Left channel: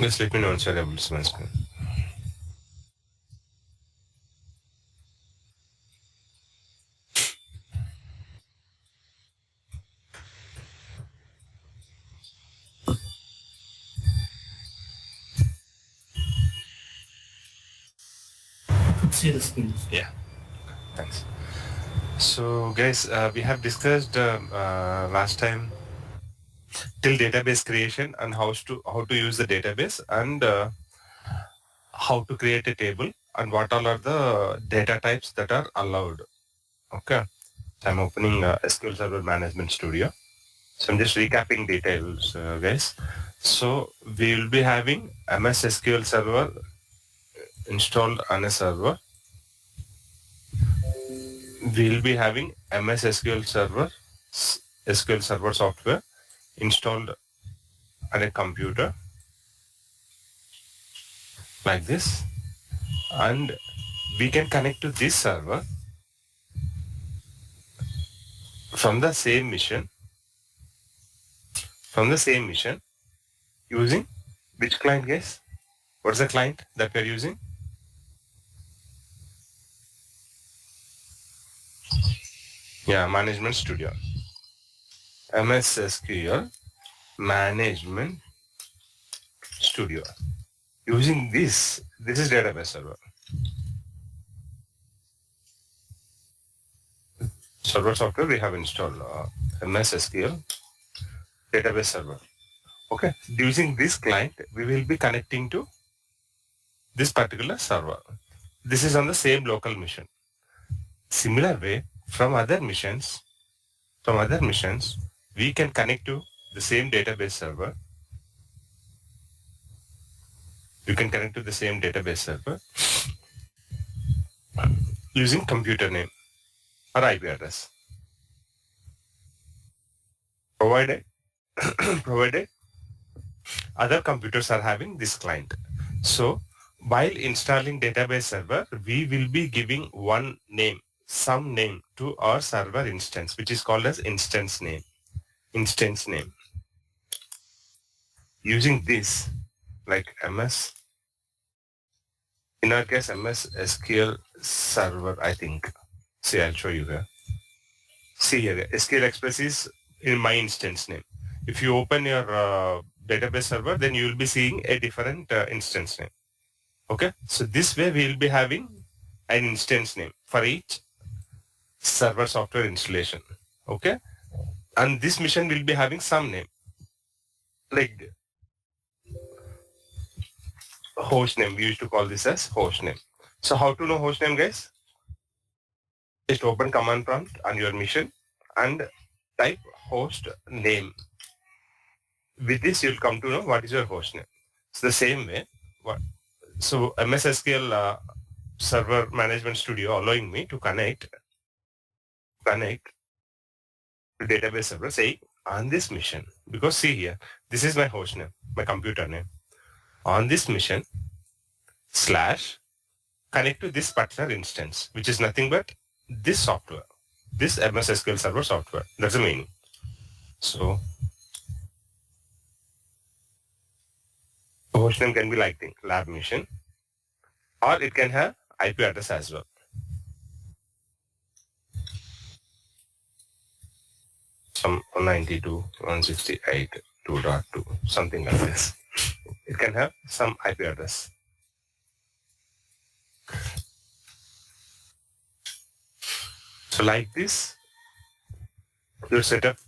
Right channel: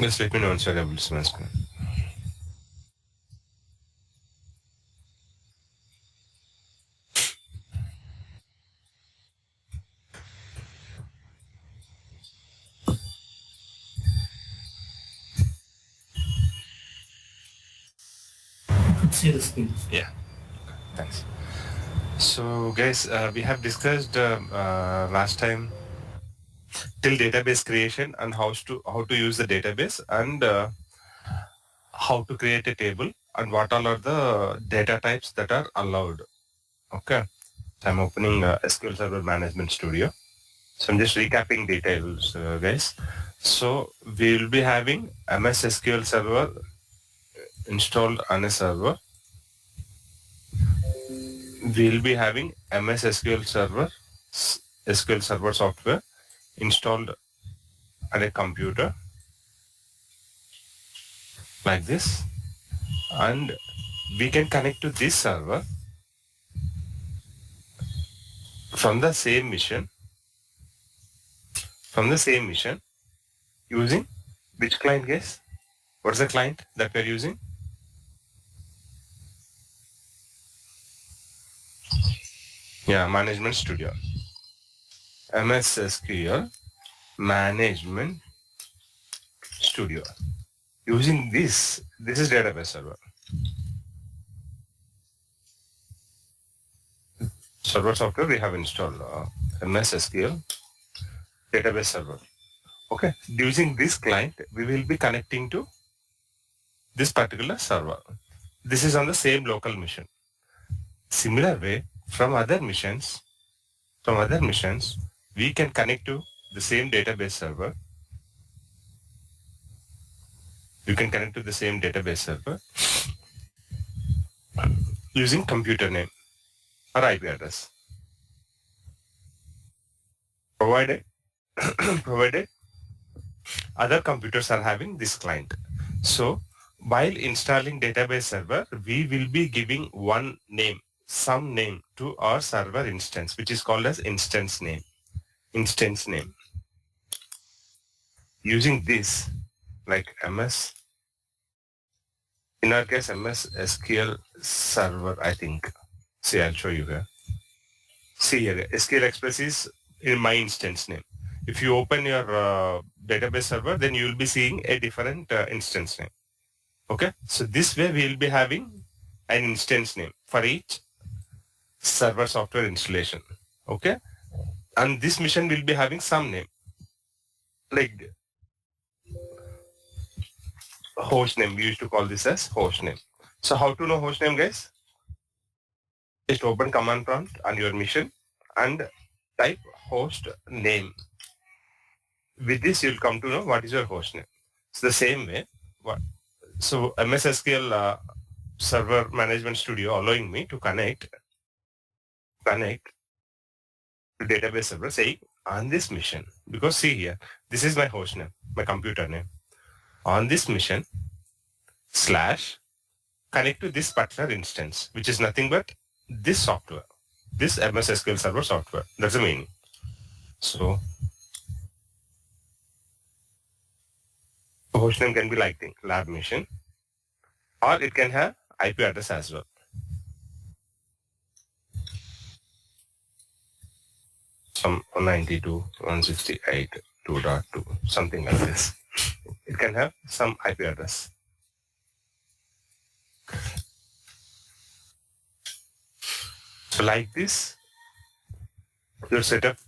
Just let me know once you're able to see my screen. See the screen. Yeah, thanks. So guys, we have discussed last time till database creation and how to use the database and how to create a table and what all are the data types that are allowed. Okay, so I'm opening SQL Server Management Studio. So I'm just recapping details, guys. So we will be having MS SQL Server installed on a server. We'll be having MS SQL Server, SQL Server software installed on a computer like this, and we can connect to this server from the same mission using which client, guys? What's the client that we're using? Yeah, Management Studio. MS SQL Management Studio. Using this is database server. Server software we have installed MS SQL database server. Okay, using this client, we will be connecting to this particular server. This is on the same local mission. Similar way, from other missions, we can connect to the same database server. You can connect to the same database server using computer name or IP address provided provided other computers are having this client. So while installing database server, we will be giving one name, some name to our server instance, which is called as instance name. Using this, like MS, in our case, MS SQL Server, I think. See, I'll show you here. See here, SQL Express is in my instance name. If you open your database server, then you will be seeing a different instance name. Okay, so this way we will be having an instance name for each server software installation. Okay, and this mission will be having some name, like host name. We used to call this as host name. So how to know host name, guys? Just open command prompt on your mission and type host name. With this, you'll come to know what is your host name. It's the same way. So MS SQL Server Management Studio allowing me to connect to database server, say on this mission, because see here, this is my host name, my computer name. On this mission / connect to this particular instance, which is nothing but this software, this MS SQL Server software. That's the meaning. So host name can be like lab mission, or it can have IP address as well. Some 192.168.2.2, something like this. It can have some IP address. So like this, your setup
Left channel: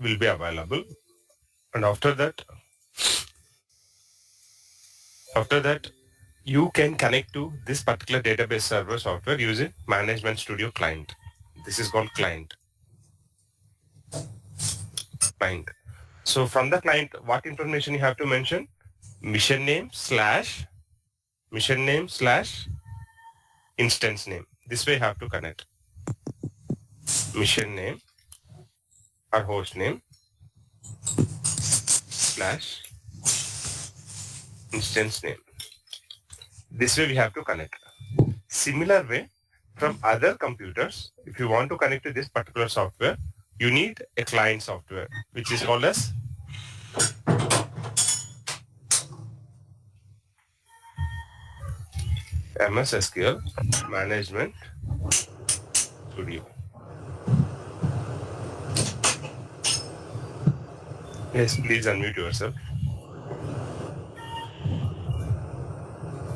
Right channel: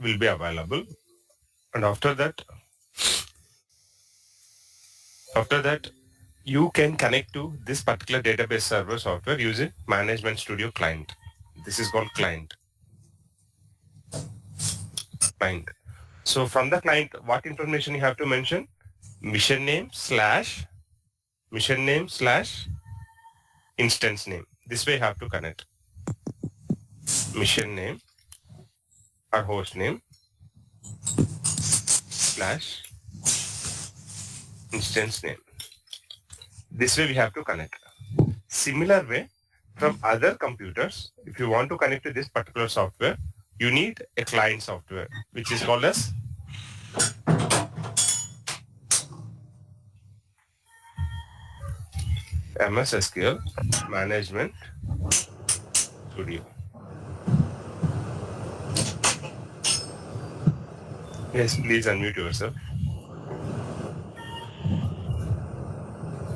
will be available. And after that, you can connect to this particular database server software using Management Studio client. This is called client. So from the client, what information you have to mention? Mission name / instance name. This way you have to connect. Mission name or host name / instance name. This way we have to connect. Similar way, from other computers, if you want to connect to this particular software, you need a client software, which is called as MS SQL Management Studio. Yes, please unmute yourself.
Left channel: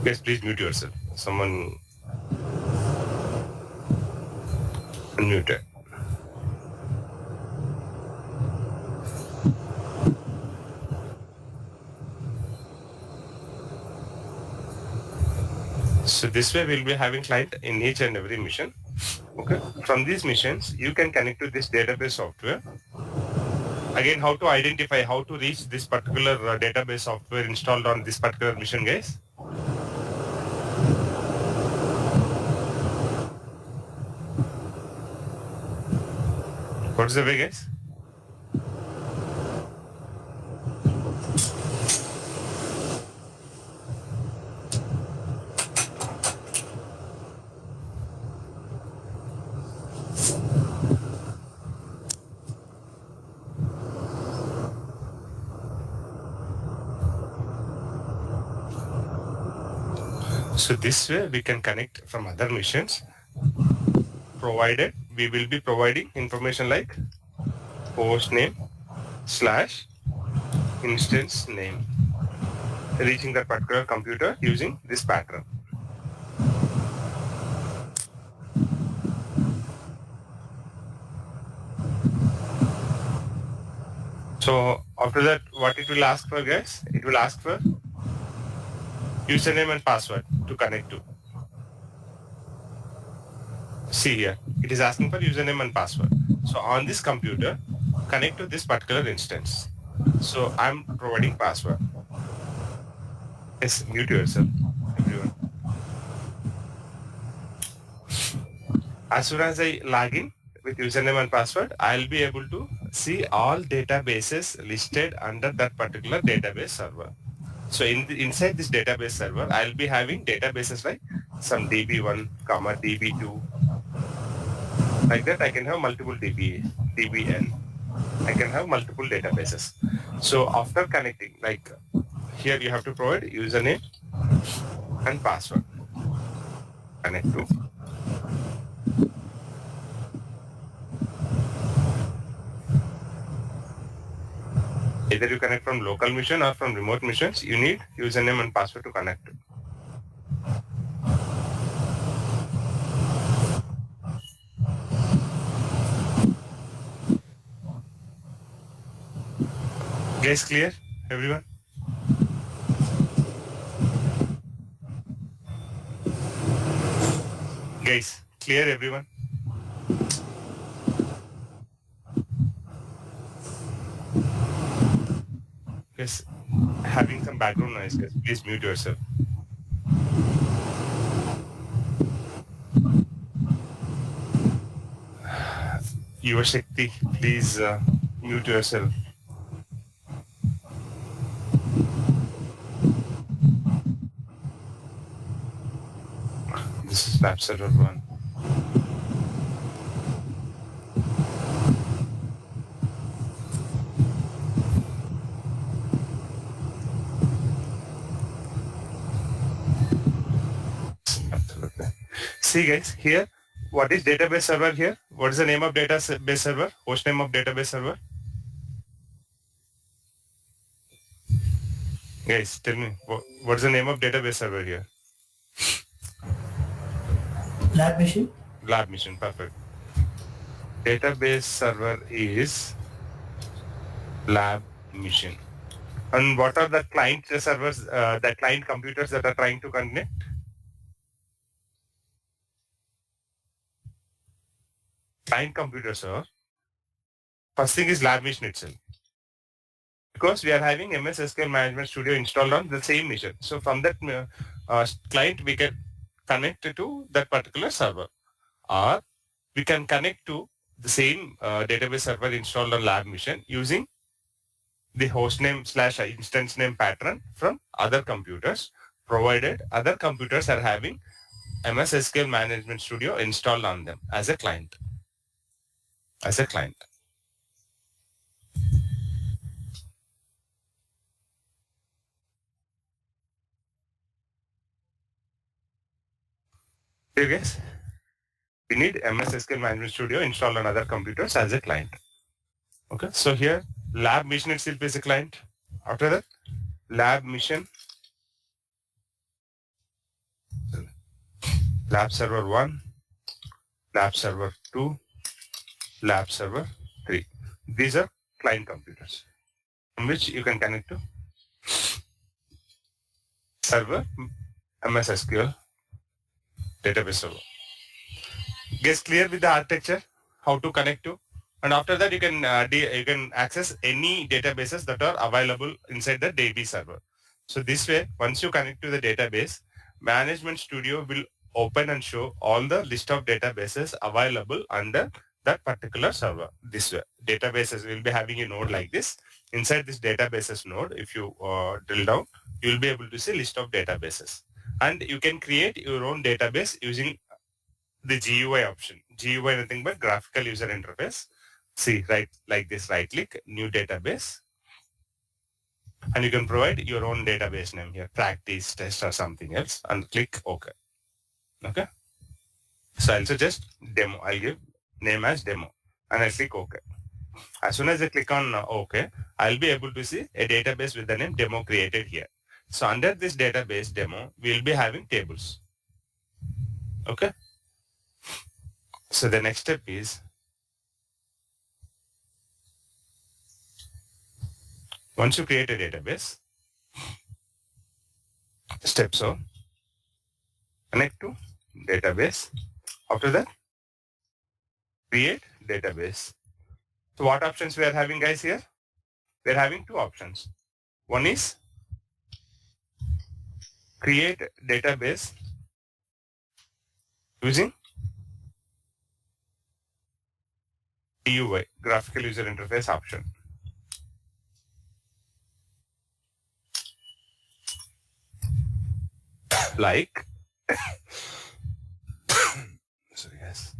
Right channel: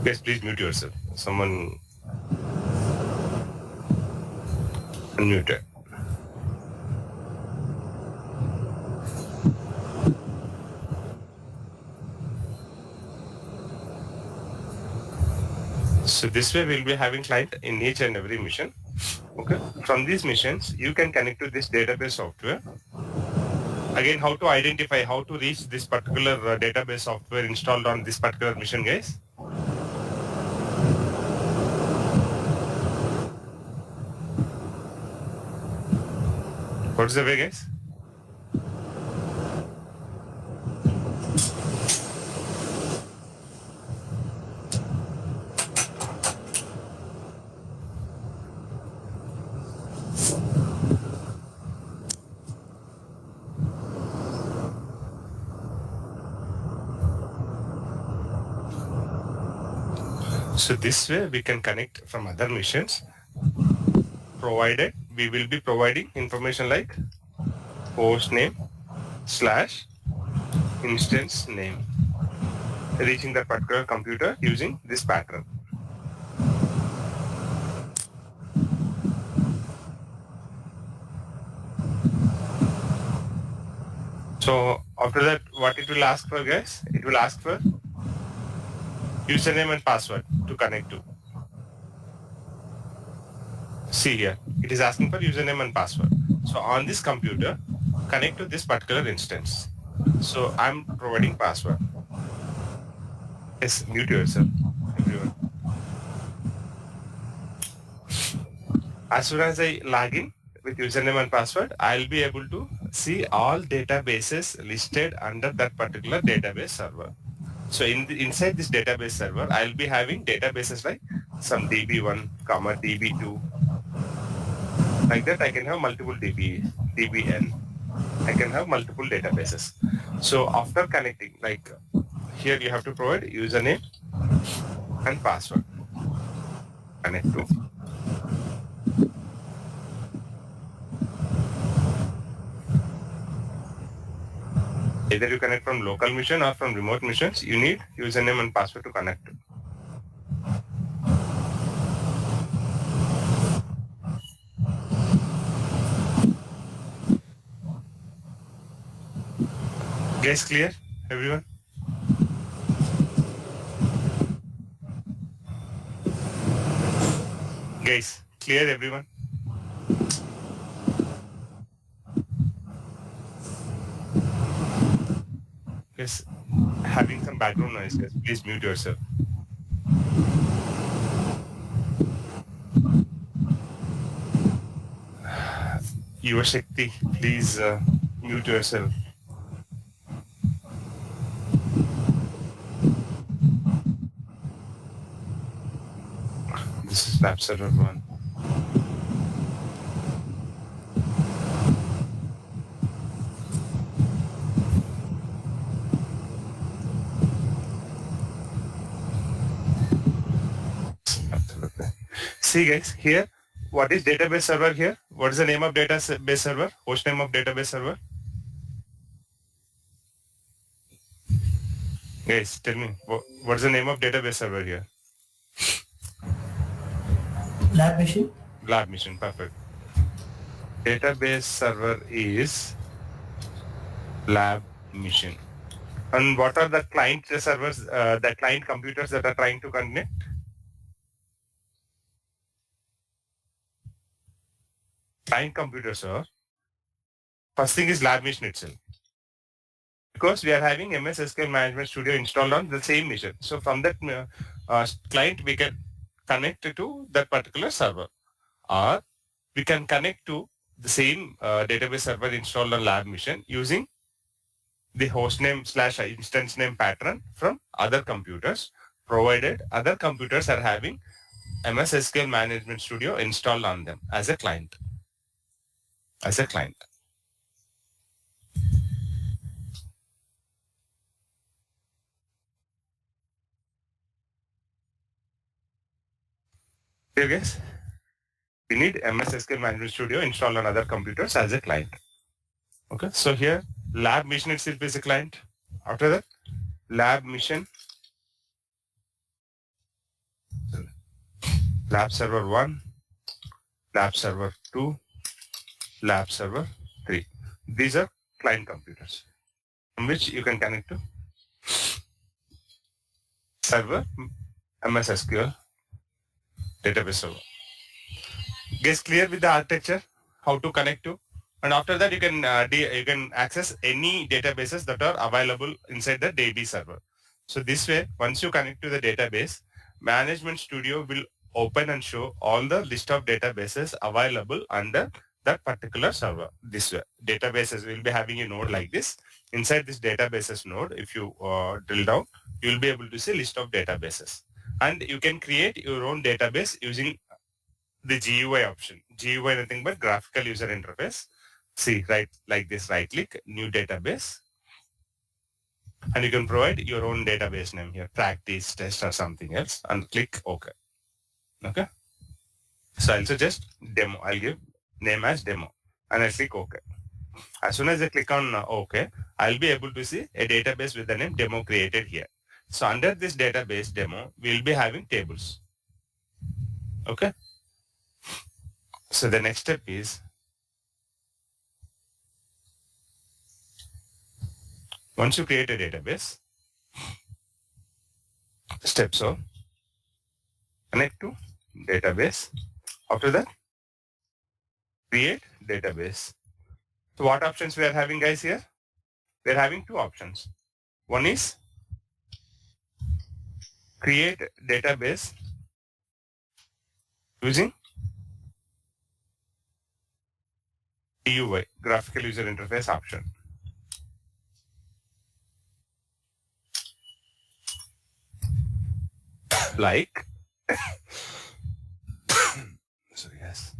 Yes, please mute yourself. Someone unmuted. So this way we'll be having client in each and every mission. Okay. From these missions, you can connect to this database software. Again, how to identify, how to reach this particular database software installed on this particular mission, guys? What's the way, guys? So this way we can connect from other missions, provided we will be providing information like host name / instance name, reaching that particular computer using this pattern. So after that, what it will ask for, guys? It will ask for username and password to connect to. See here, it is asking for username and password. So on this computer, connect to this particular instance. So I'm providing password. Yes, mute yourself, everyone. As soon as I log in with username and password, I'll be able to see all databases listed under that particular database server. So inside this database server, I'll be having databases like some DB1, DB2. Like that, I can have multiple DBN. I can have multiple databases. So after connecting, like here you have to provide username and password. Connect to. Either you connect from local mission or from remote missions, you need username and password to connect to. Guys, clear, everyone? Guys, clear, everyone? Yes, having some background noise, guys. Please mute yourself. Yuva Shakti, please mute yourself. This is lab server 1. Absolutely. See guys, here, what is database server here? What is the name of database server? Host name of database server? Guys, tell me, what's the name of database server here? Lab machine. Lab mission, perfect. Database server is lab mission. And what are the client servers, the client computers that are trying to connect? Client computers are, first thing is lab mission itself. Because we are having MS SQL Management Studio installed on the same mission. So from that client, we can connect to that particular server. Or we can connect to the same database server installed on lab mission using the host name / instance name pattern from other computers, provided other computers are having MS SQL Management Studio installed on them as a client. As a client. Okay, guys. We need MS SQL Management Studio installed on other computers as a client. Okay, so here lab mission itself is a client. After that, lab mission, lab server 1, lab server 2, lab server 3. These are client computers from which you can connect to server MS SQL database server. Guys, clear with the architecture, how to connect to, and after that you can access any databases that are available inside the DB server. So this way, once you connect to the database, Management Studio will open and show all the list of databases available under that particular server. This way, databases will be having a node like this. Inside this databases node, if you drill down, you will be able to see list of databases, and you can create your own database using the GUI option. GUI nothing but graphical user interface. See, right, like this, right click, new database, and you can provide your own database name here, practice, test, or something else, and click OK. Okay. So I'll suggest demo. I'll give name as demo, and I'll click OK. As soon as I click on OK, I'll be able to see a database with the name demo created here. So under this database demo, we'll be having tables. Okay. So the next step is, once you create a database, steps are connect to database. After that, create database. So what options we are having, guys, here? We are having two options. One is create database using GUI, graphical user interface option. Like, sorry guys.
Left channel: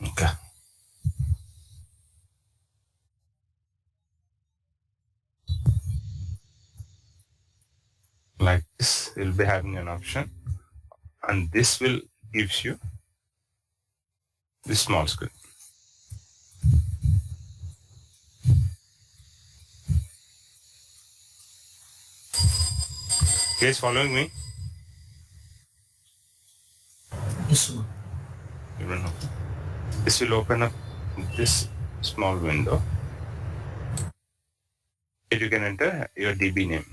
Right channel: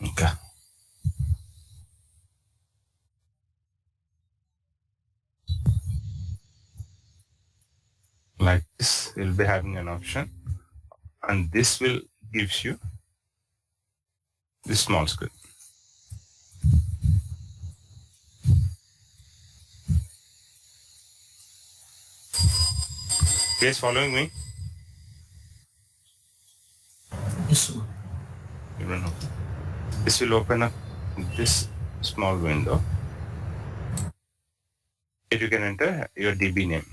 Okay. Like this, you'll be having an option, and this will gives you this small screen. Guys, following me? Yes, sir. You don't know. This will open up this small window. Here you can enter your DB name.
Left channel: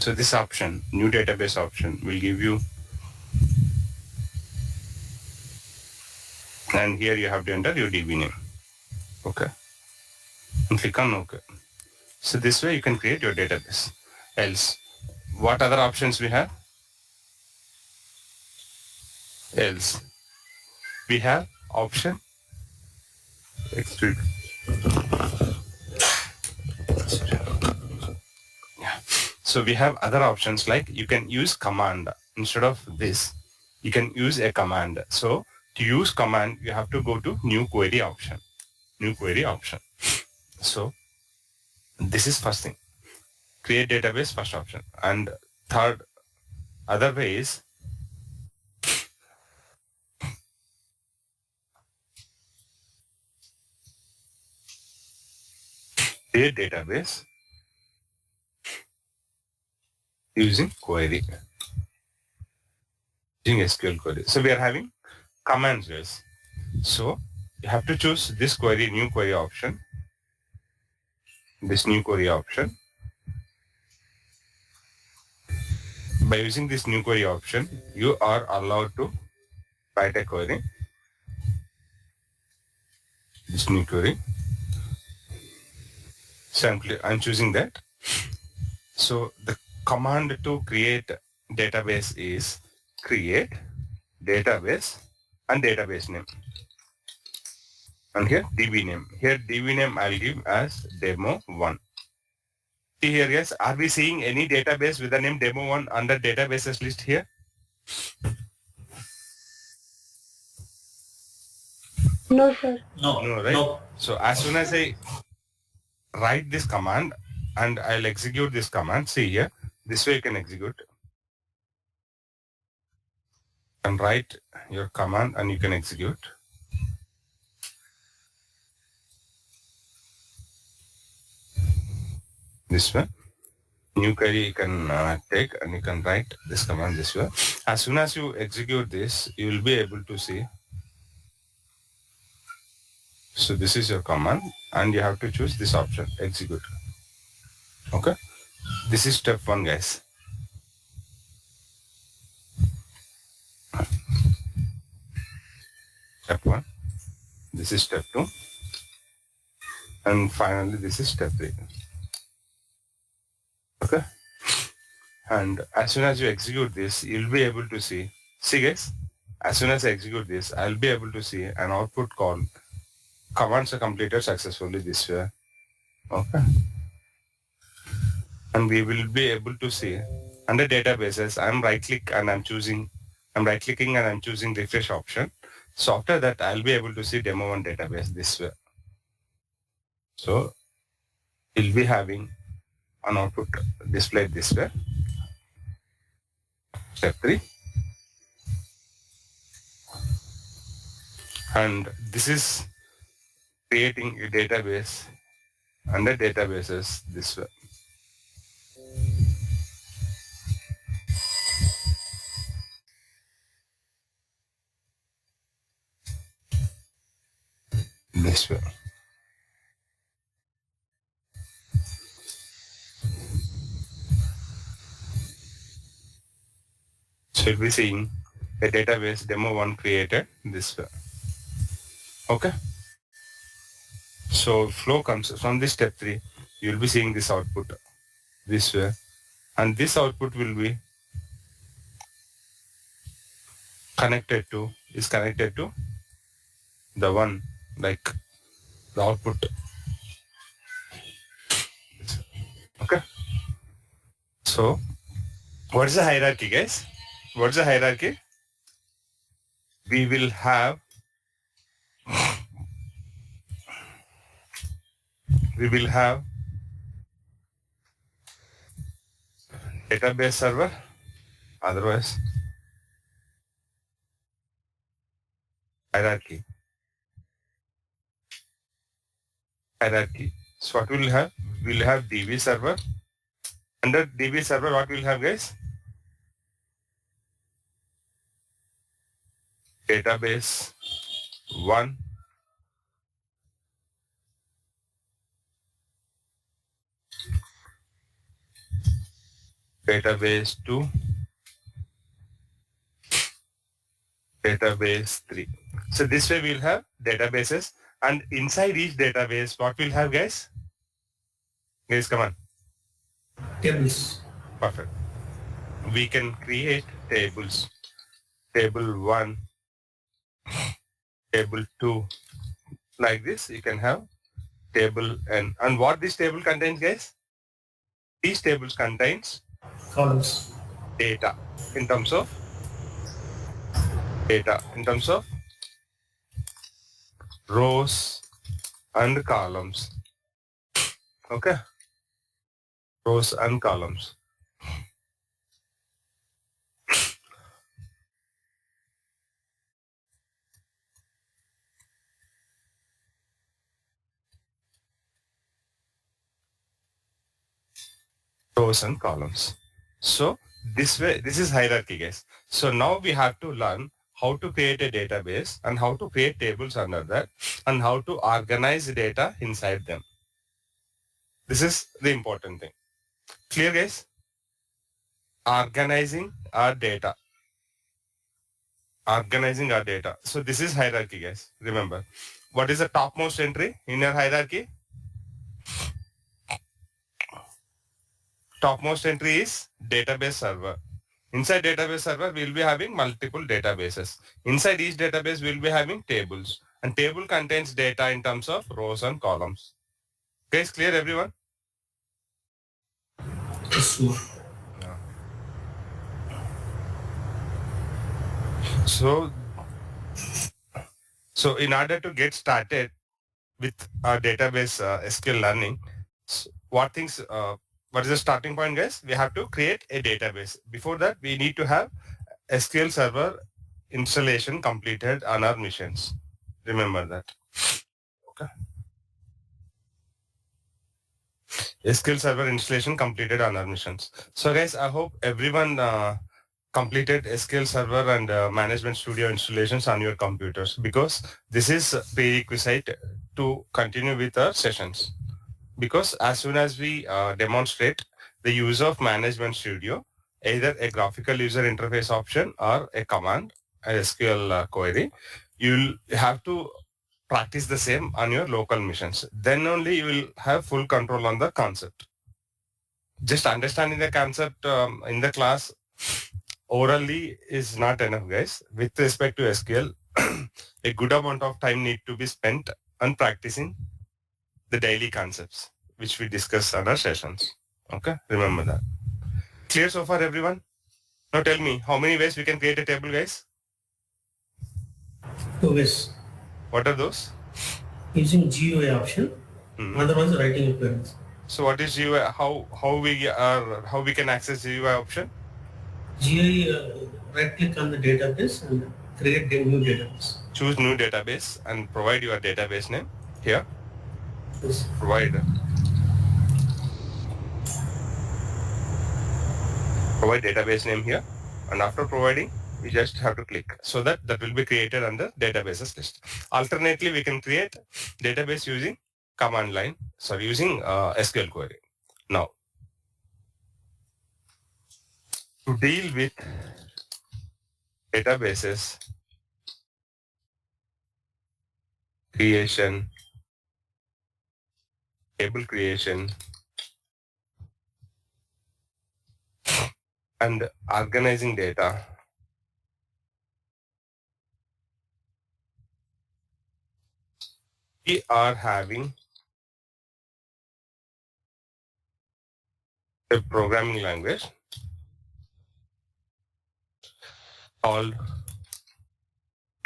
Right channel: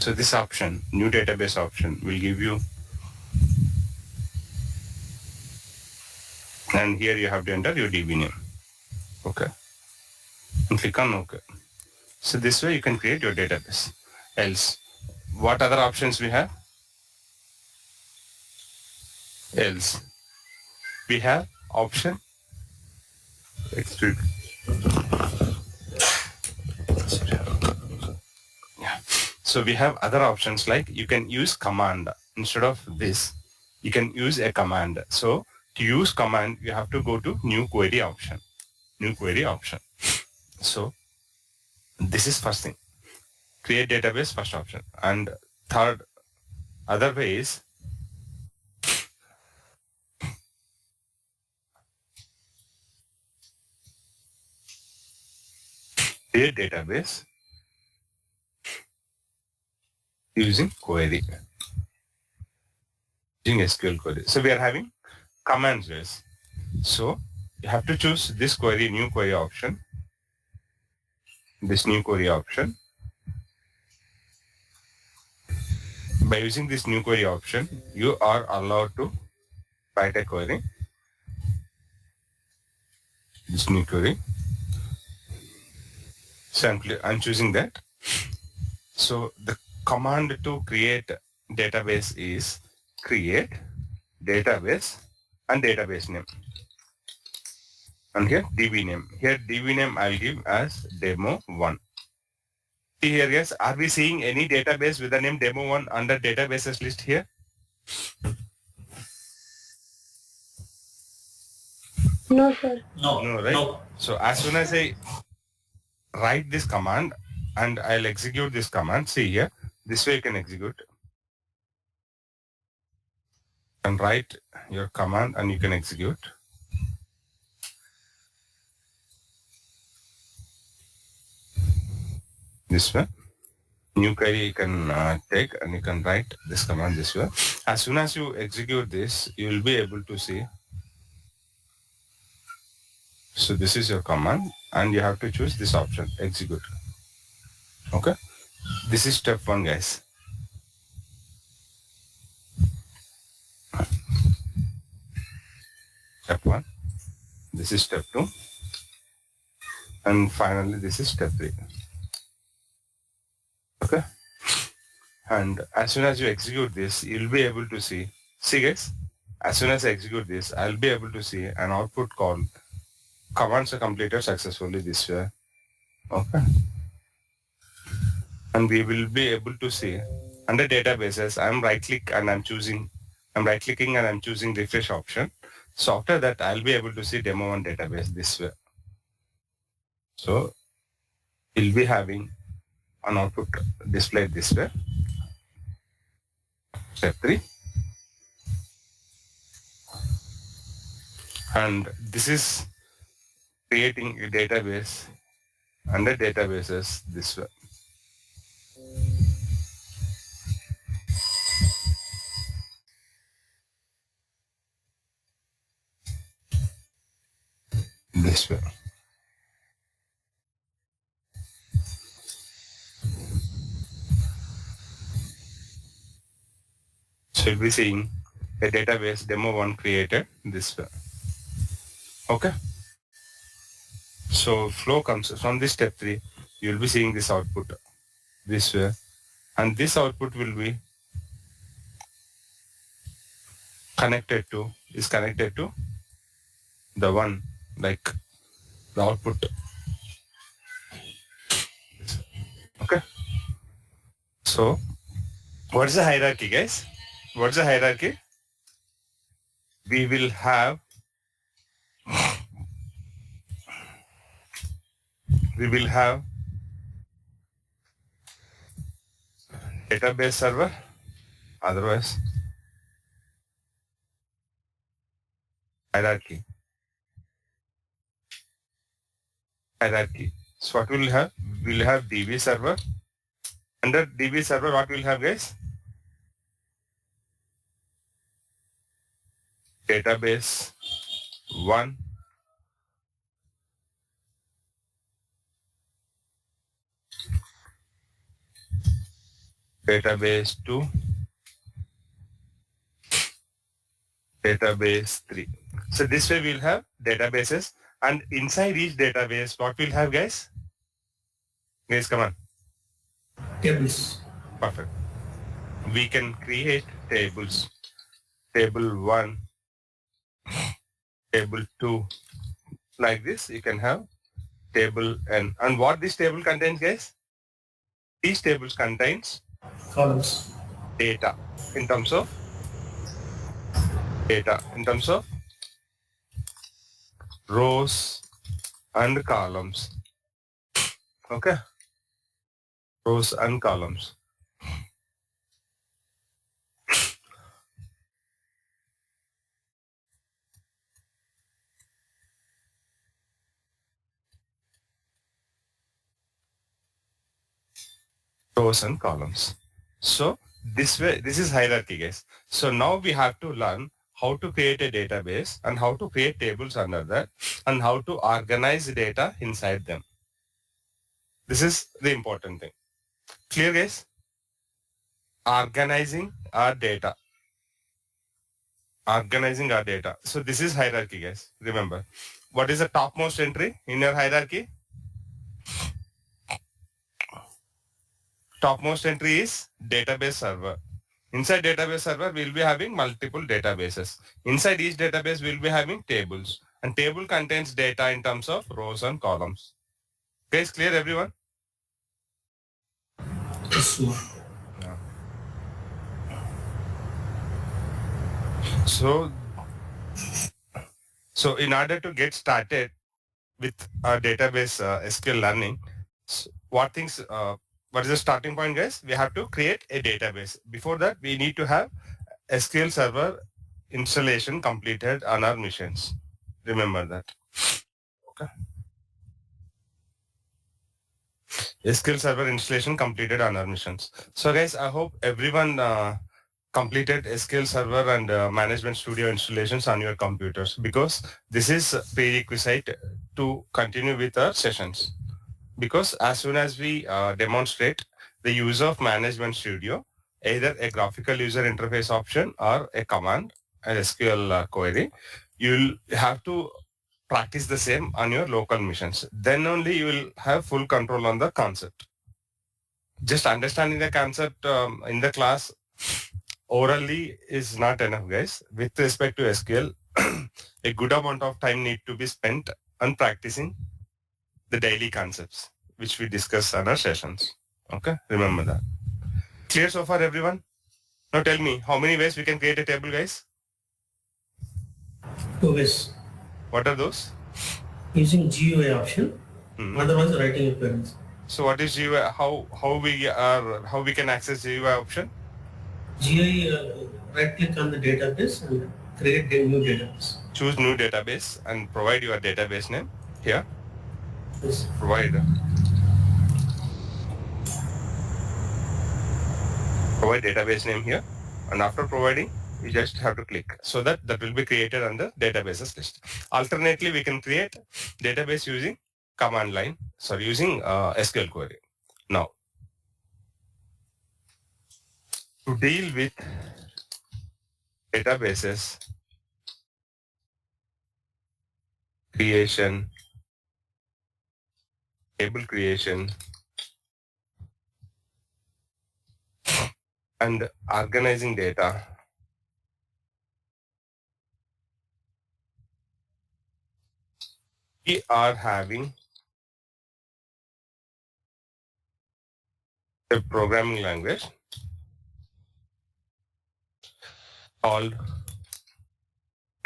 So this option, new database option, will give you, and here you have to enter your DB name. Okay. And click on OK. So this way you can create your database. Else, what other options we have? Else, we have option extrude. Yeah. So we have other options like you can use command. Instead of this, you can use a command. So to use command, you have to go to new query option. New query option. So this is first thing. Create database, first option. And third, other way is create database using query, using SQL query. So we are having commands, guys. So you have to choose this query, new query option, this new query option. By using this new query option, you are allowed to write a query. this new query. So I'm choosing that. So the command to create database is create database and database name. And here DB name. Here DB name I'll give as demo1. See here guys, are we seeing any database with the name demo1 under databases list here? No, sir. No, right? No. So as soon as I write this command and I'll execute this command, see here, this way you can execute. And write your command and you can execute. This way. New query you can take and you can write this command this way. As soon as you execute this, you will be able to see. So this is your command and you have to choose this option, execute. Okay. This is step 1, guys. Step 1. This is step 2. And finally, this is step 3. Okay. And as soon as you execute this, you'll be able to see guys, as soon as I execute this, I'll be able to see an output called commands are completed successfully this way. Okay. And we will be able to see under databases, I'm right-clicking and I'm choosing refresh option. So after that, I'll be able to see demo1 database this way. So you'll be having an output displayed this way. Step 3. And this is creating a database under databases this way. This way. So you'll be seeing a database demo1 created this way. Okay. So flow comes from this step 3. You'll be seeing this output this way. And this output will be connected to the one like the output. Okay. So what is the hierarchy, guys? What is the hierarchy? We will have database server, otherwise hierarchy. So what we'll have? We'll have DB server. Under DB server, what we'll have, guys? Database 1, database 2, database 3. So this way we'll have databases, and inside each database, what we'll have, guys? Guys, come on. Tables. Perfect. We can create tables. Table 1, table 2, like this. You can have table n. And what this table contains, guys? These tables contains Columns. data in terms of rows and columns. Okay. Rows and columns. Rows and columns. So this way, this is hierarchy, guys. So now we have to learn how to create a database and how to create tables under that and how to organize data inside them. This is the important thing. Clear, guys? Organizing our data. So this is hierarchy, guys. Remember, what is the topmost entry in your hierarchy? Topmost entry is database server. Inside database server, we'll be having multiple databases. Inside each database, we'll be having tables. And table contains data in terms of rows and columns. Okay, is clear everyone? Yes, sir. Yeah. So in order to get started with our database SQL learning, what is the starting point, guys? We have to create a database. Before that, we need to have SQL Server installation completed on our missions. Remember that. Okay. SQL Server installation completed on our missions. So guys, I hope everyone completed SQL Server and Management Studio installations on your computers, because this is prerequisite to continue with our sessions. Because as soon as we demonstrate the use of Management Studio, either a graphical user interface option or a command, a SQL query, you'll have to practice the same on your local missions. Then only you will have full control on the concept. Just understanding the concept in the class orally is not enough, guys. With respect to SQL, a good amount of time need to be spent on practicing the daily concepts, which we discuss on our sessions. Okay, remember that. Clear so far, everyone? Now tell me, how many ways we can create a table, guys? 2 ways. What are those? Using GUI option, otherwise writing queries. So what is GUI? How we can access GUI option? GUI, right click on the database and create a new database. Choose new database and provide your database name here. Yes. Provide database name here, and after providing, you just have to click, so that will be created under databases list. Alternately, we can create database using command line, using SQL query. Now, to deal with databases creation, table creation, and organizing data, we are having a programming language called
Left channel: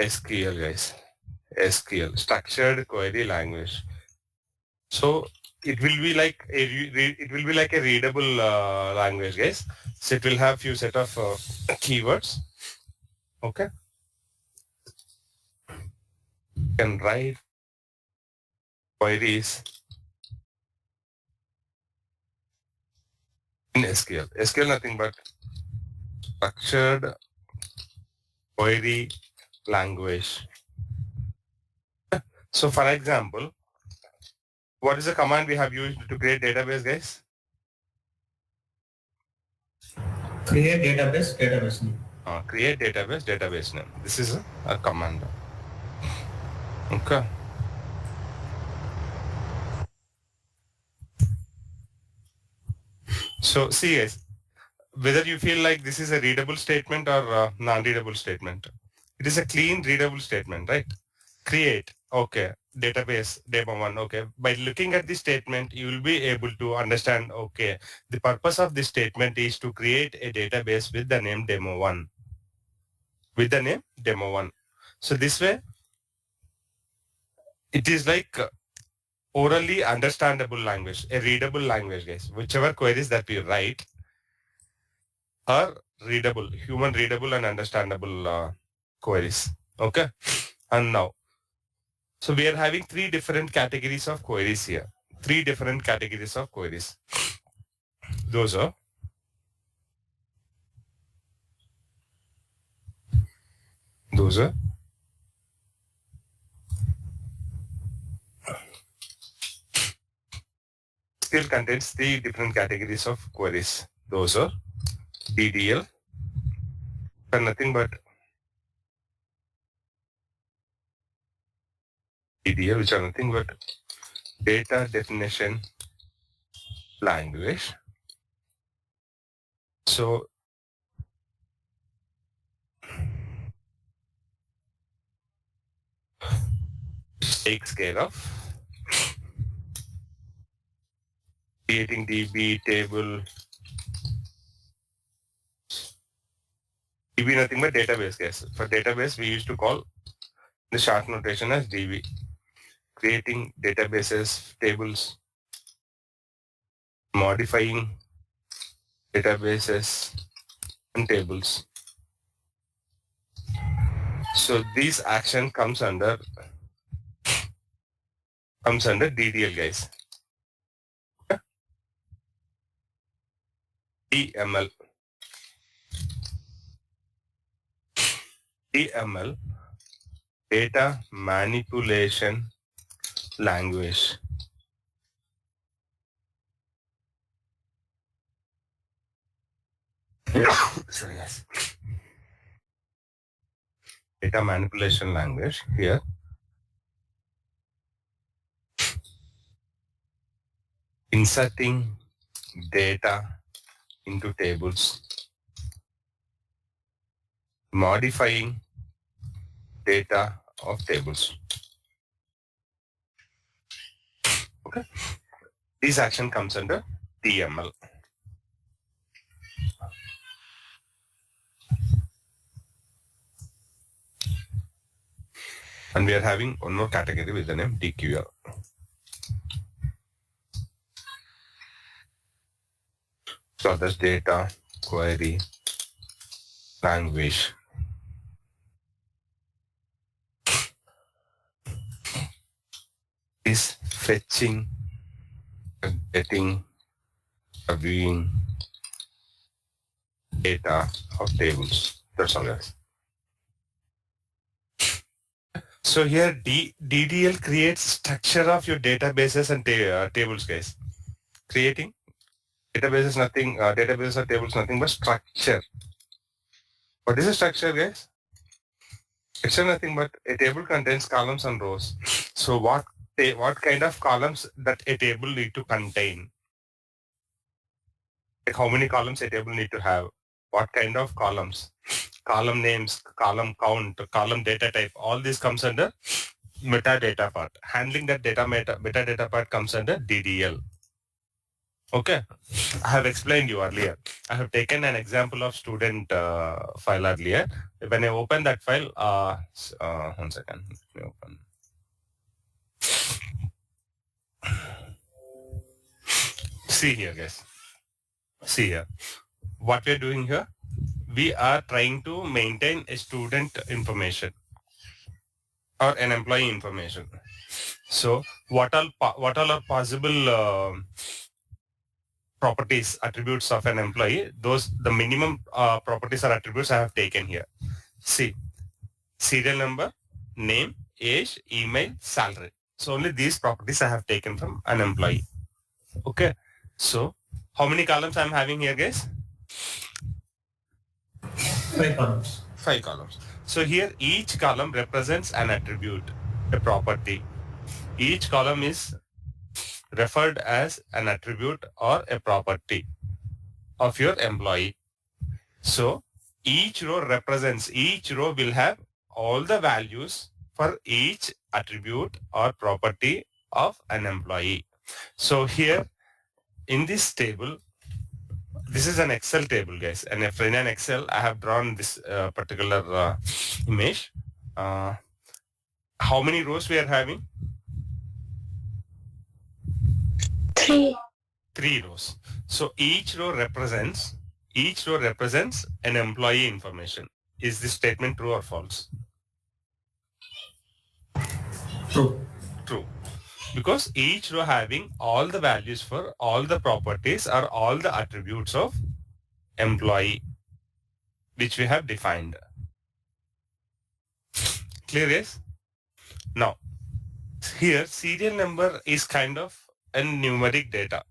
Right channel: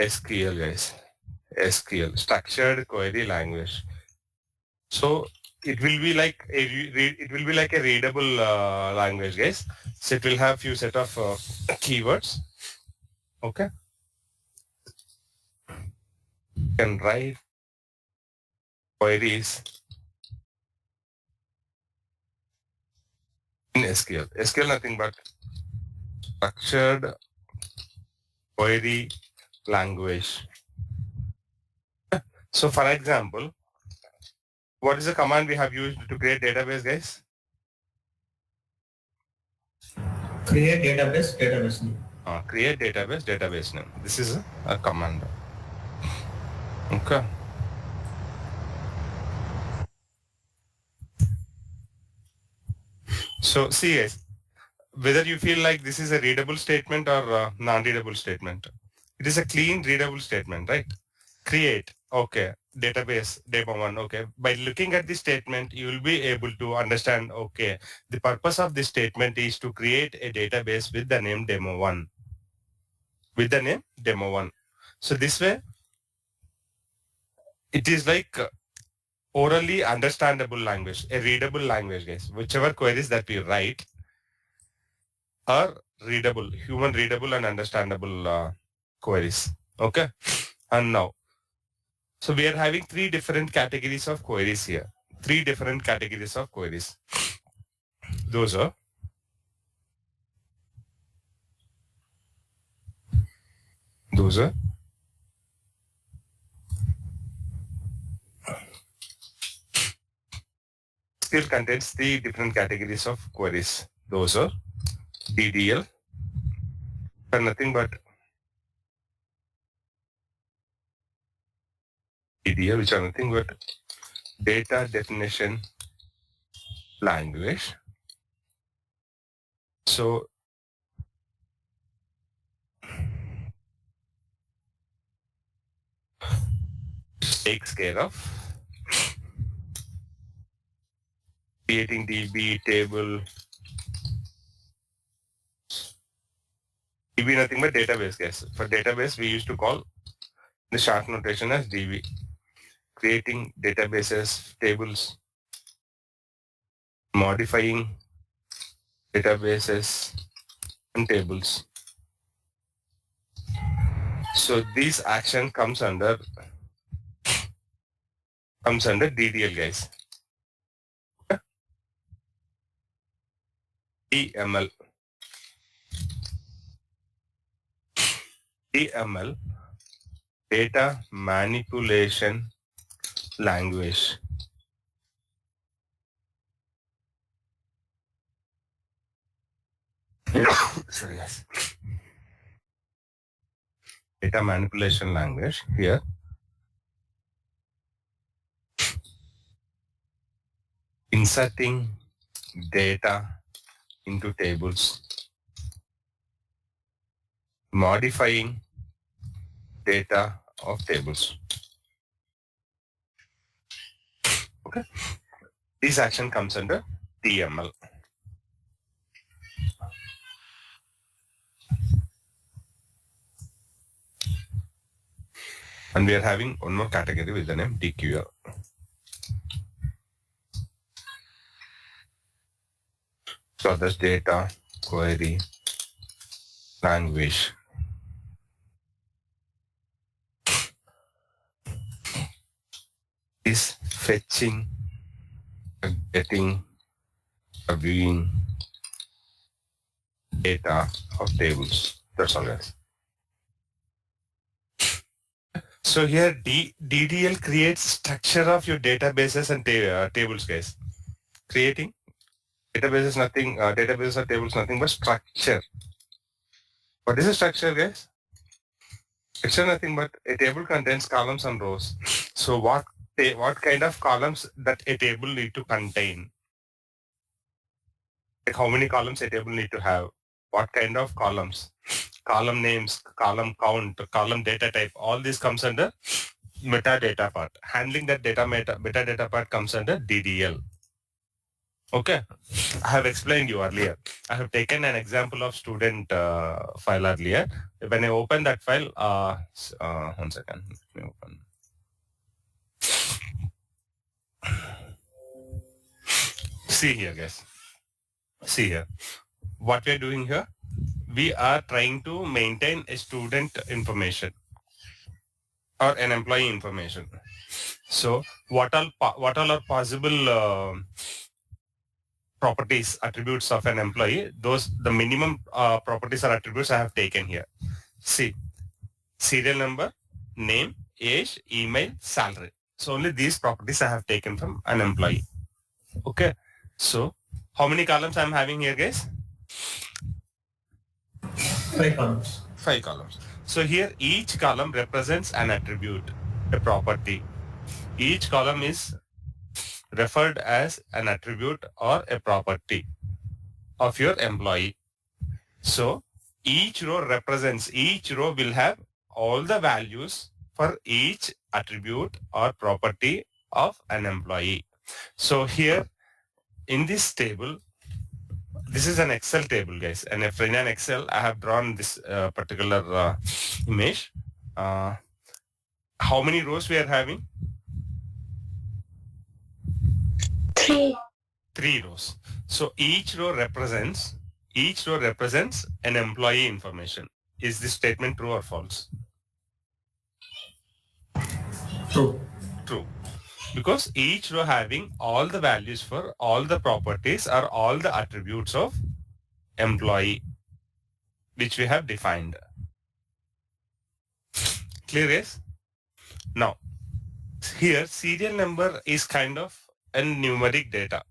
SQL, guys. SQL, Structured Query Language. So it will be like a readable language, guys. So it will have few set of keywords. Okay. You can write queries in SQL. SQL nothing but structured query language. So for example, what is the command we have used to create database, guys? Create database name. Create database name. This is a command. Okay. So see, guys, whether you feel like this is a readable statement or non-readable statement. It is a clean readable statement, right? Create, okay, database, demo1, okay. By looking at this statement, you will be able to understand, okay, the purpose of this statement is to create a database with the name demo1. With the name demo1. So this way, it is like orally understandable language, a readable language, guys. Whichever queries that we write are readable, human readable and understandable queries. Okay. And now, so we are having 3 different categories of queries here. 3 different categories of queries. Those are still contains 3 different categories of queries. Those are DDL, and nothing but DDL, which are nothing but data definition language. So takes care of creating DB table. DB nothing but database, guys. For database, we used to call the short notation as DB. Creating databases, tables, modifying databases and tables. So this action comes under DDL, guys. DML. DML, data manipulation language. Sorry, guys. Data manipulation language here. Inserting data into tables, modifying data of tables. Okay. This action comes under DML. And we are having one more category with the name DQL. So that's data query language. Is fetching, getting, viewing data of tables. That's all, guys. So here DDL creates structure of your databases and tables, guys. Creating databases nothing, databases or tables nothing but structure. What is a structure, guys? Structure nothing but a table contains columns and rows. So what kind of columns that a table need to contain? Like how many columns a table need to have? What kind of columns? Column names, column count, column data type, all this comes under metadata part. Handling that metadata part comes under DDL. Okay, I have explained you earlier. I have taken an example of student file earlier. When I open that file, 1 second, let me open. See here, guys. See here. What we are doing here, we are trying to maintain a student information or an employee information. So what all are possible properties, attributes of an employee? The minimum properties or attributes I have taken here. See, serial number, name, age, email, salary. So only these properties I have taken from an employee. Okay. So how many columns I'm having here, guys? 5 columns. 5 columns. So here each column represents an attribute, a property. Each column is referred as an attribute or a property of your employee. So each row will have all the values for each attribute or property of an employee. So here in this table, this is an Excel table, guys. And if in an Excel, I have drawn this particular image. How many rows we are having? 3. 3 rows. So each row represents an employee information. Is this statement true or false? True. True. Because each row having all the values for all the properties or all the attributes of employee, which we have defined. Clear, yes? Now, here serial number is kind of a numeric data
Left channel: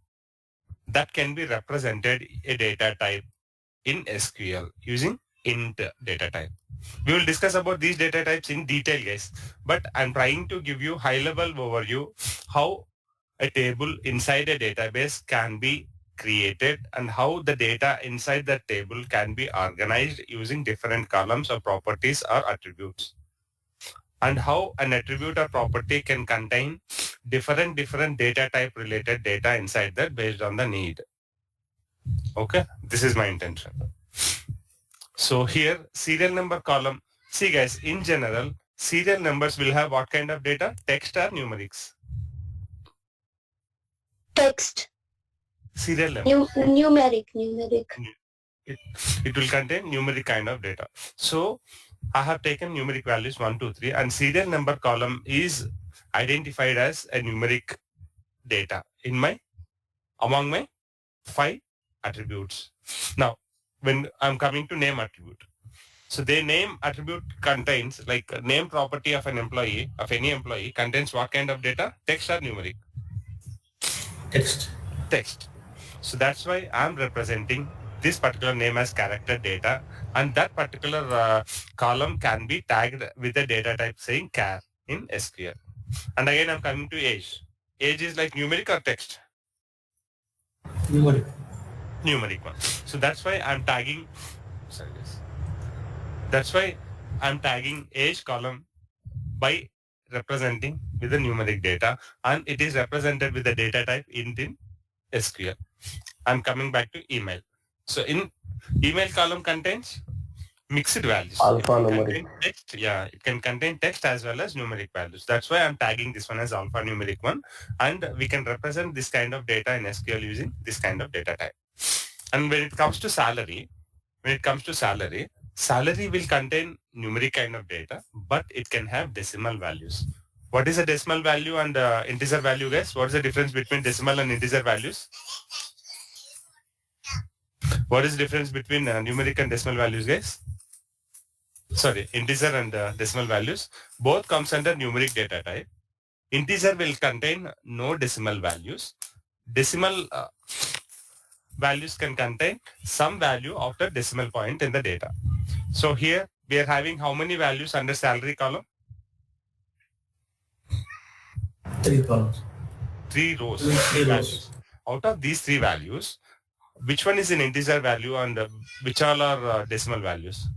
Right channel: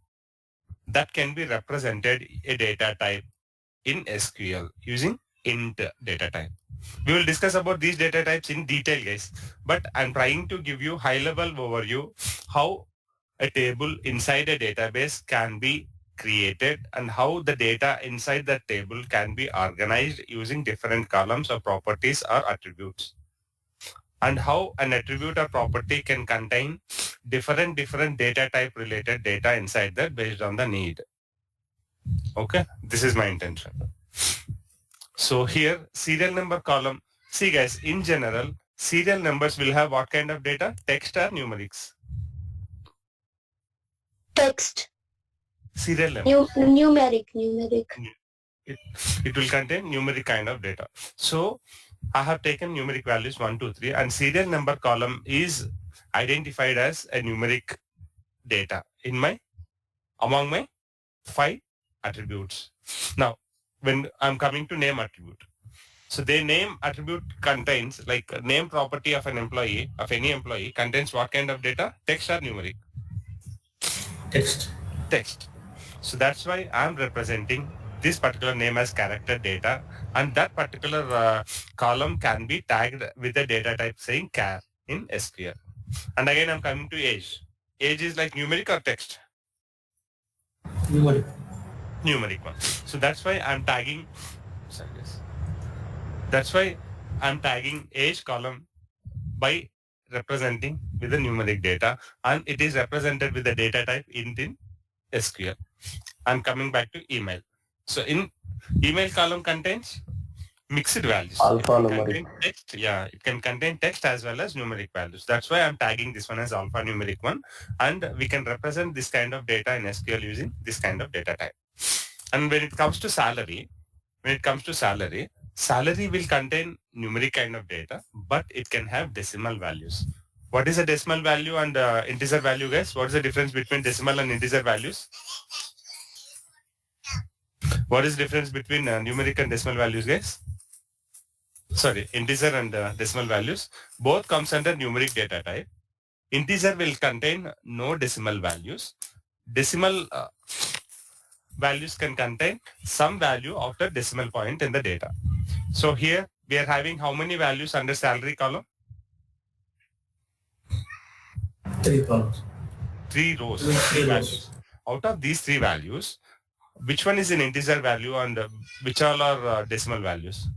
that can be represented a data type in SQL using int data type. We will discuss about these data types in detail, guys. But I'm trying to give you high-level overview how a table inside a database can be created and how the data inside that table can be organized using different columns or properties or attributes, and how an attribute or property can contain different data type related data inside that based on the need. Okay, this is my intention. So here serial number column, see guys, in general serial numbers will have what kind of data? Text or numerics? Text. Serial number. Numeric. It will contain numeric kind of data. So I have taken numeric values 1, 2, 3 and serial number column is identified as a numeric data among my 5 attributes. Now, when I'm coming to name attribute, so the name attribute contains like a name property of an employee, of any employee contains what kind of data? Text or numeric? Text. So that's why I'm representing this particular name as character data, and that particular column can be tagged with a data type saying char in SQL. And again, I'm coming to age. Age is like numeric or text? Numeric one. So that's why I'm tagging, that's why I'm tagging age column by representing with the numeric data, and it is represented with the data type int in SQL. I'm coming back to email. So in email column contains mixed values. Alphanumeric. Text, yeah, it can contain text as well as numeric values. That's why I'm tagging this one as alphanumeric one, and we can represent this kind of data in SQL using this kind of data type. And when it comes to salary, salary will contain numeric kind of data, but it can have decimal values. What is a decimal value and integer value, guys? What is the difference between decimal and integer values? What is the difference between numeric and decimal values, guys? Sorry, integer and decimal values. Both comes under numeric data type. Integer will contain no decimal values. Decimal values can contain some value after decimal point in the data. So here we are having how many values under salary column? 3 columns. 3 rows. 3 rows. Values. Out of these 3 values, which one is an integer value and which all are decimal values?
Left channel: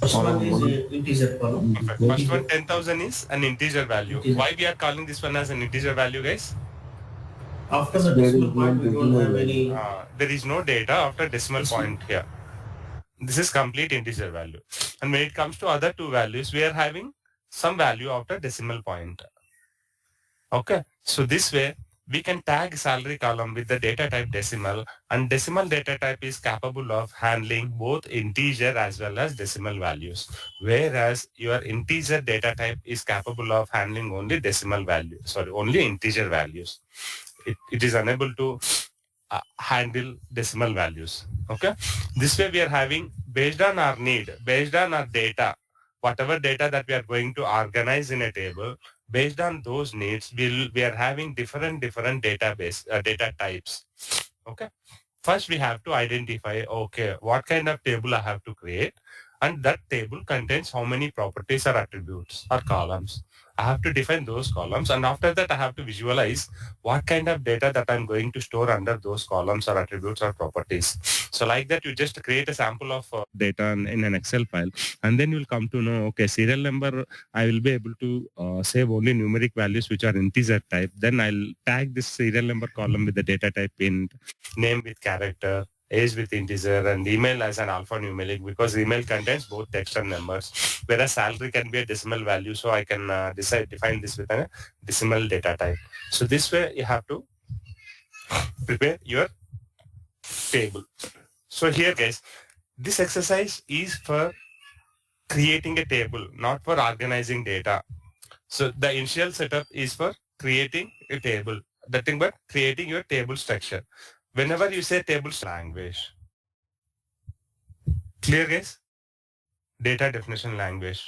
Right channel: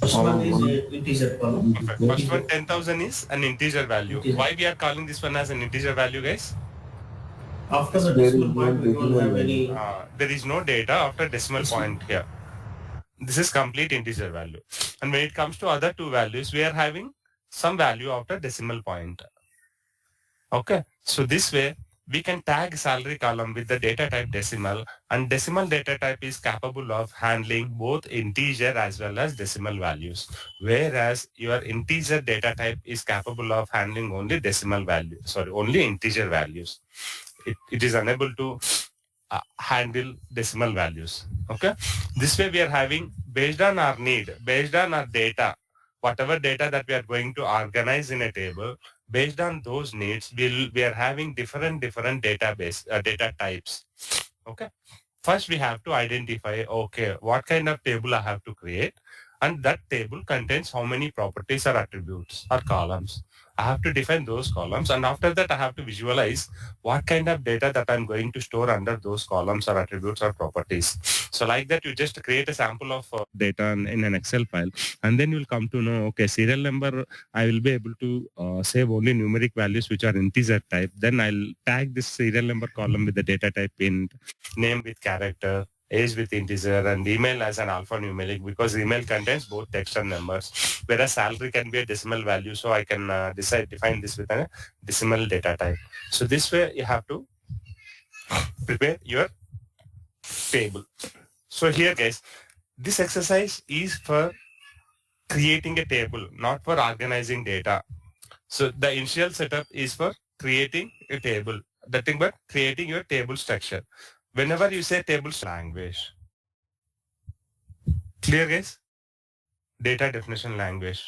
First one is an integer column. Perfect. First one 10,000 is an integer value. Why we are calling this one as an integer value, guys? After the decimal point, we don't have any. There is no data after decimal point here. This is complete integer value. And when it comes to other 2 values, we are having some value after decimal point. Okay. So this way, we can tag salary column with the data type decimal, and decimal data type is capable of handling both integer as well as decimal values, whereas your integer data type is capable of handling only only integer values. It is unable to handle decimal values. Okay. This way we are having, based on our need, based on our data, whatever data that we are going to organize in a table, based on those needs, we are having different data types. Okay. First we have to identify, okay, what kind of table I have to create, and that table contains how many properties or attributes or columns. I have to define those columns, and after that I have to visualize what kind of data that I'm going to store under those columns or attributes or properties. So like that, you just create a sample of data in an Excel file, and then you'll come to know, okay, serial number, I will be able to save only numeric values which are integer type. Then I'll tag this serial number column with the data type int, name with character, age with integer, and email as an alphanumeric, because email contains both text and numbers, whereas salary can be a decimal value. So I can define this with a decimal data type. So this way you have to prepare your table. So here, guys, this exercise is for creating a table, not for organizing data. So the initial setup is for creating a table, nothing but creating your table structure. Whenever you say table language, clear, guys? Data definition language.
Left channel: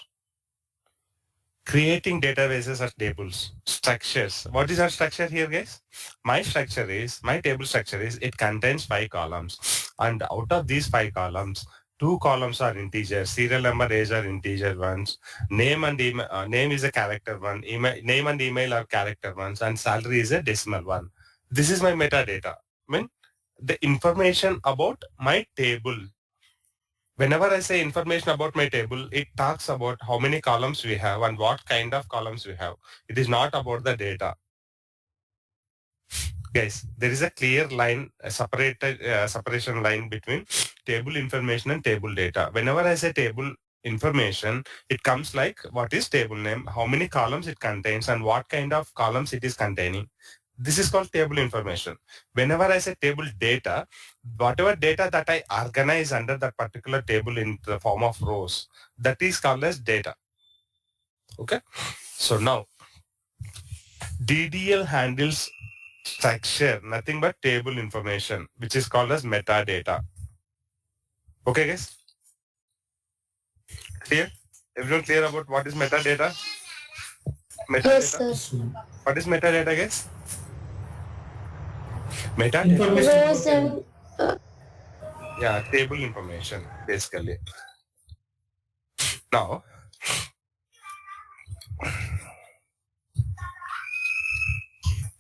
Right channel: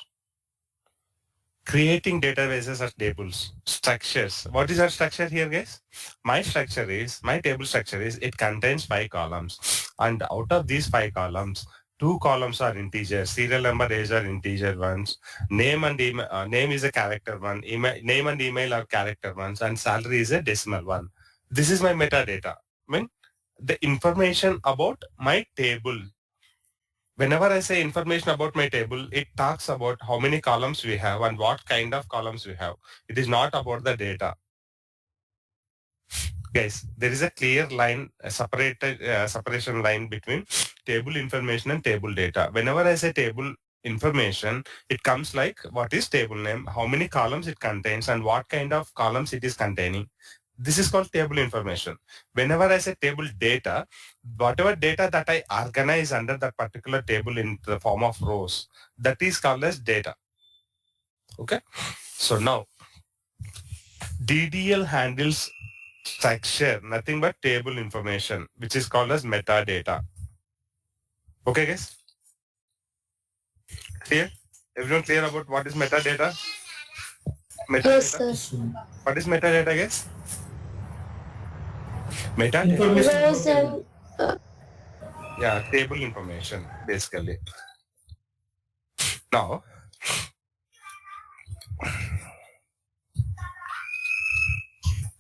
creating databases as tables, structures. What is our structure here, guys? My table structure is, it contains 5 columns. And out of these 5 columns, 2 columns are integers. Serial number, age are integer ones. Name and email, name is a character one. Name and email are character ones. And salary is a decimal one. This is my metadata. I mean, the information about my table. Whenever I say information about my table, it talks about how many columns we have and what kind of columns we have. It is not about the data. Guys, there is a clear line, a separation line between table information and table data. Whenever I say table information, it comes like, what is table name, how many columns it contains, and what kind of columns it is containing. This is called table information. Whenever I say table data, whatever data that I organize under that particular table in the form of rows, that is called as data. Okay. So now DDL handles structure, nothing but table information, which is called as metadata. Okay, guys? Clear? Everyone clear about what is metadata? Yes, Metadata. sir. What is metadata, guys? Metadata. Information. Rows and Yeah, table information, basically. Now,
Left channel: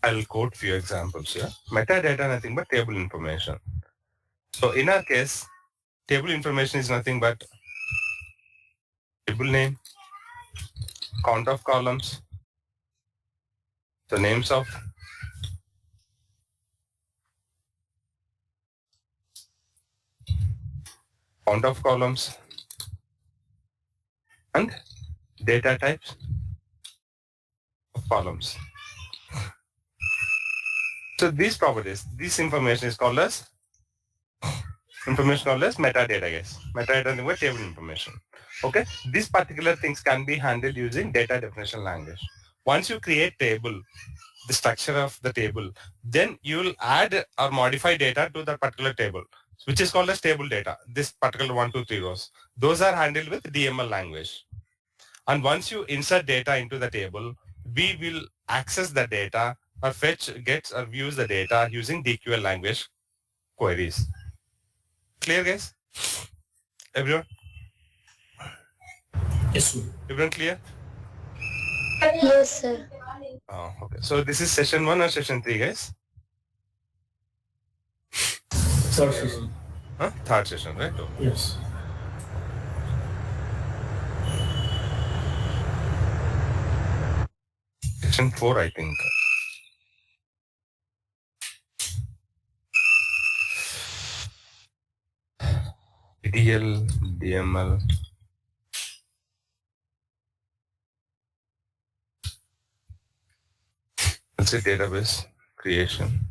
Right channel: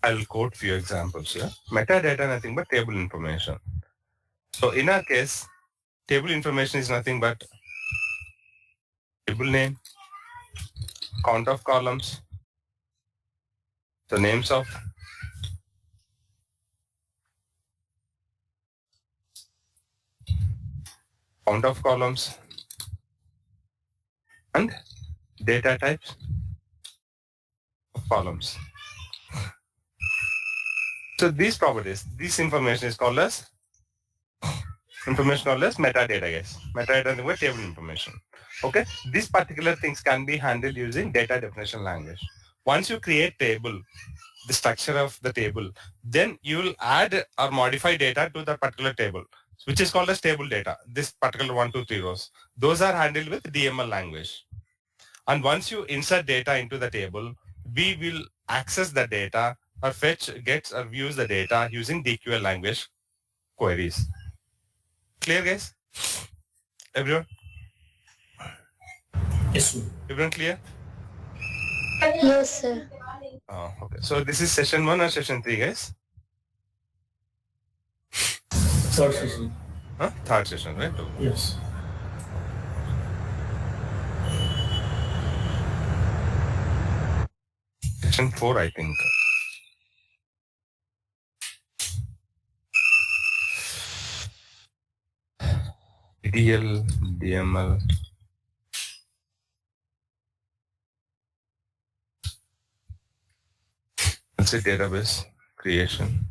I'll quote few examples here. Metadata, nothing but table information. So in our case, table information is nothing but table name, count of columns, the names of count of columns, and data types of columns. So these properties, this information is called as metadata, guys. Metadata is table information. Okay, these particular things can be handled using data definition language. Once you create table, the structure of the table, then you will add or modify data to the particular table, which is called as table data. This particular 1, 2, 3 rows, those are handled with DML language. And once you insert data into the table, we will access the data or fetch, gets or views the data using DQL language queries. Clear, guys? Everyone? Yes, sir. Everyone clear? yes, sir. Oh, okay. So this is session 1 or session 3, guys? Third session. Huh? Third session, right? Okay. Yes. Session 4, I think. DL, DML. Let's say database creation.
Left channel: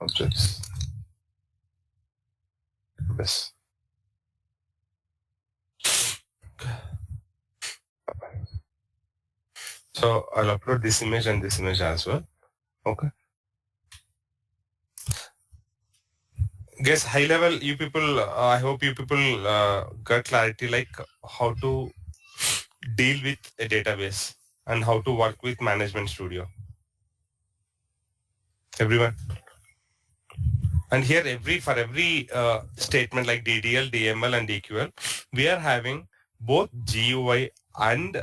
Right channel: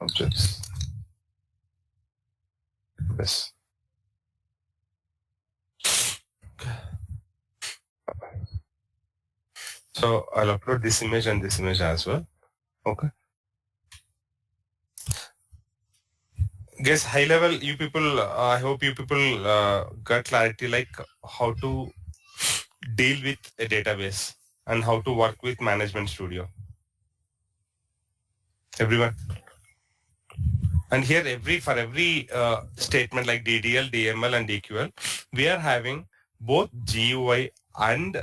Objects. Database. So I'll upload this image and this image as well. Okay. Guess high level, you people, I hope you people got clarity like how to deal with a database and how to work with Management Studio. Everyone. And here for every statement like DDL, DML and DQL, we are having both GUI and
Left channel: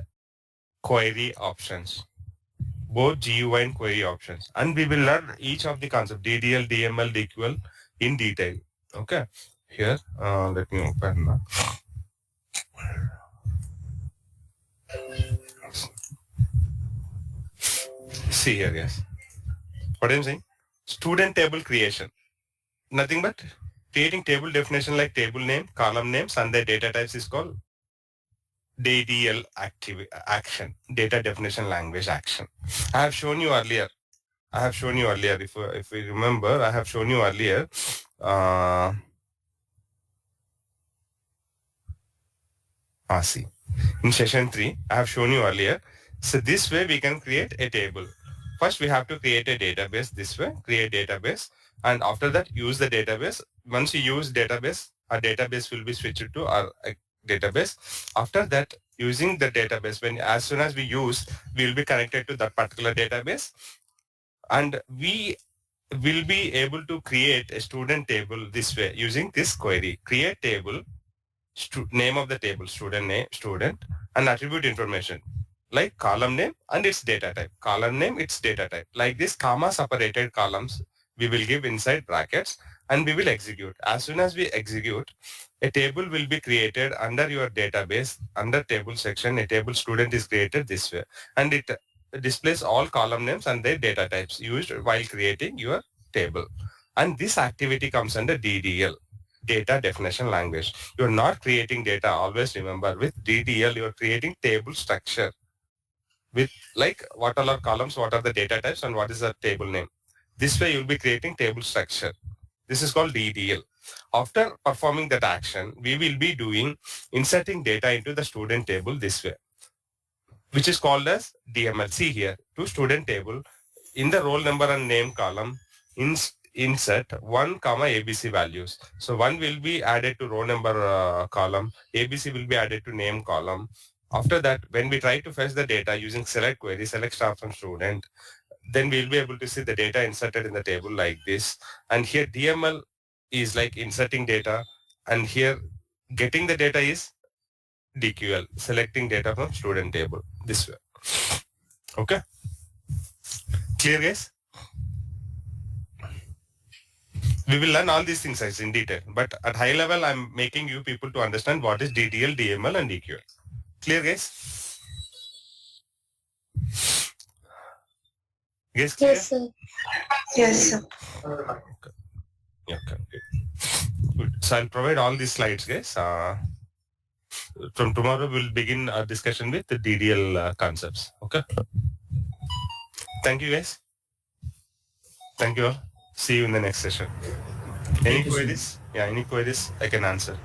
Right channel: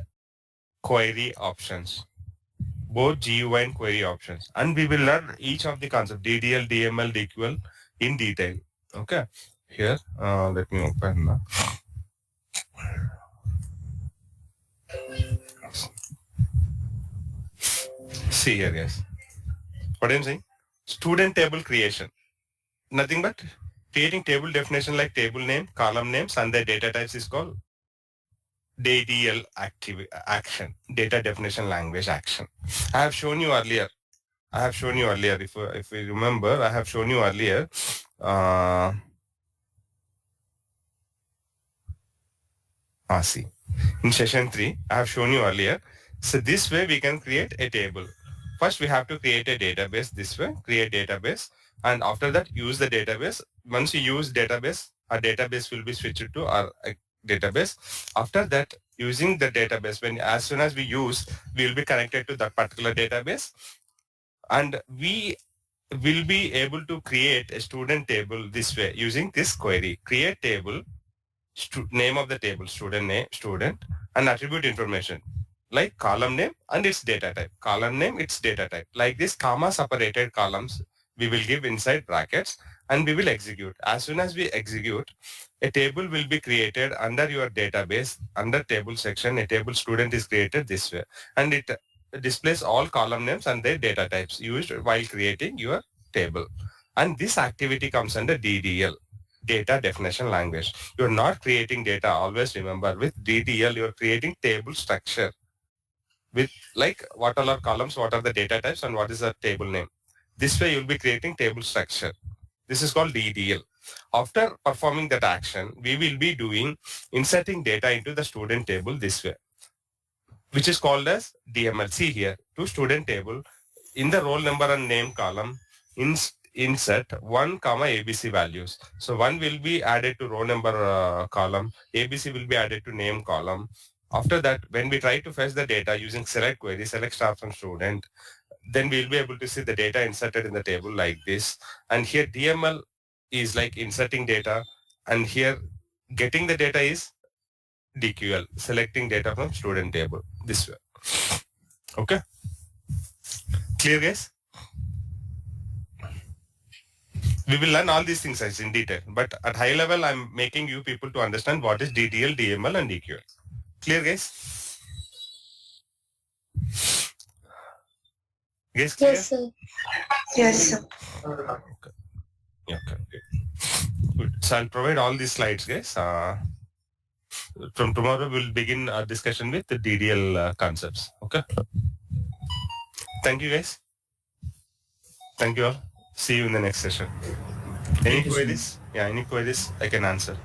query options. Both GUI and query options. And we will learn each of the concepts, DDL, DML, DQL in detail. Okay. Here, let me open now. See here, guys. What I'm saying? Student table creation. Nothing but creating table definition like table name, column names, and the data types is called DDL action, data definition language action. I have shown you earlier. If you remember, I have shown you earlier. See, in session 3, I have shown you earlier. So this way we can create a table. First, we have to create a database this way, create database. And after that, use the database. Once you use database, our database will be switched to our database. After that, using the database. As soon as we use, we will be connected to that particular database, and we will be able to create a student table this way using this query. Create table, name of the table, student name, student, and attribute information like column name and its data type. Column name, its data type. Like this comma separated columns, we will give inside brackets, and we will execute. As soon as we execute, a table will be created under your database. Under table section, a table student is created this way, and it displays all column names and their data types used while creating your table. And this activity comes under DDL, data definition language. You're not creating data. Always remember, with DDL, you're creating table structure with like what are our columns, what are the data types, and what is the table name. This way you'll be creating table structure. This is called DDL. After performing that action, we will be doing inserting data into the student table this way, which is called as DML. See here, to student table, in the roll number and name column, insert 1 comma ABC values. So 1 will be added to row number column, ABC will be added to name column. After that, when we try to fetch the data using select query, select star from student, then we'll be able to see the data inserted in the table like this. And here DML is like inserting data, and here getting the data is DQL, selecting data from student table this way. Okay. Clear, guys? We will learn all these things guys in detail, but at high level, I'm making you people to understand what is DDL, DML, and DQL. Clear, guys? Guys, clear? Yes, sir. Yes, sir. Okay. Yeah, okay. Good. So I'll provide all these slides, guys. From tomorrow, we'll begin our discussion with the DDL concepts. Okay. Thank you, guys. Thank you all. See you in the next session. Any queries? Yeah, any queries I can answer.